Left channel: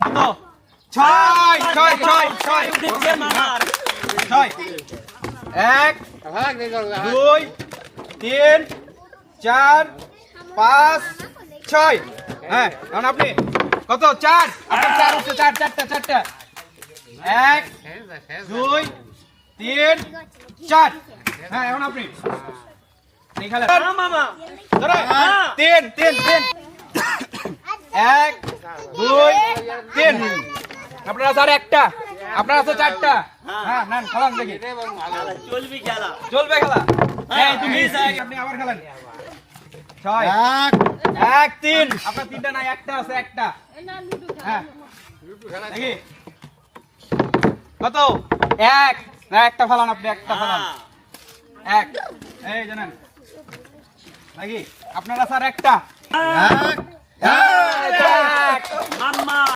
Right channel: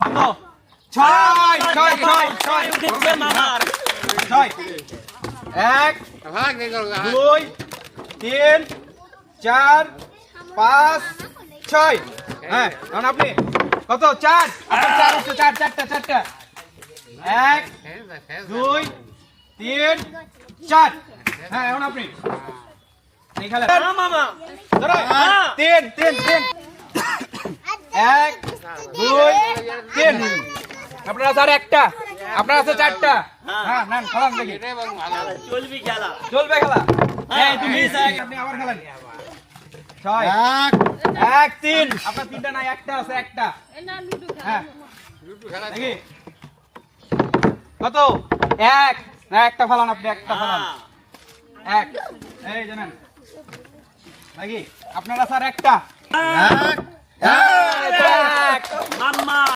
কত? ছয় ছয় ছয় ছয় ছয়। এক, দুই, তিন, চার, পাঁচ, ছয়। হ্যাঁ, এখন আপনি কত? চার। আপনার চার হচ্ছে চার, চারটা চারটা। এক, দুই, তিন, চার। হ্যাঁ, এখন আপনি এই খেলেন। ধরো, তিন তিন তিন। এক, দুই, তিন। আপনার আছে আর একটা, আপনার আছে চারটা। হ্যাঁ, নেন খেলান দেখি। চলবে খেলা। হ্যাঁ, তুমি আপনি আবার খেলেন। ছয়, এক, তিন। আপনার তিনটা নাই, একটা আছে, একটা। হ্যাঁ, দেখি কত? এক। না, একটা ফেলান আপনি, একটা ফেলান। এক। এই জানেন নাকি আপনার আছে আর একটা। এক।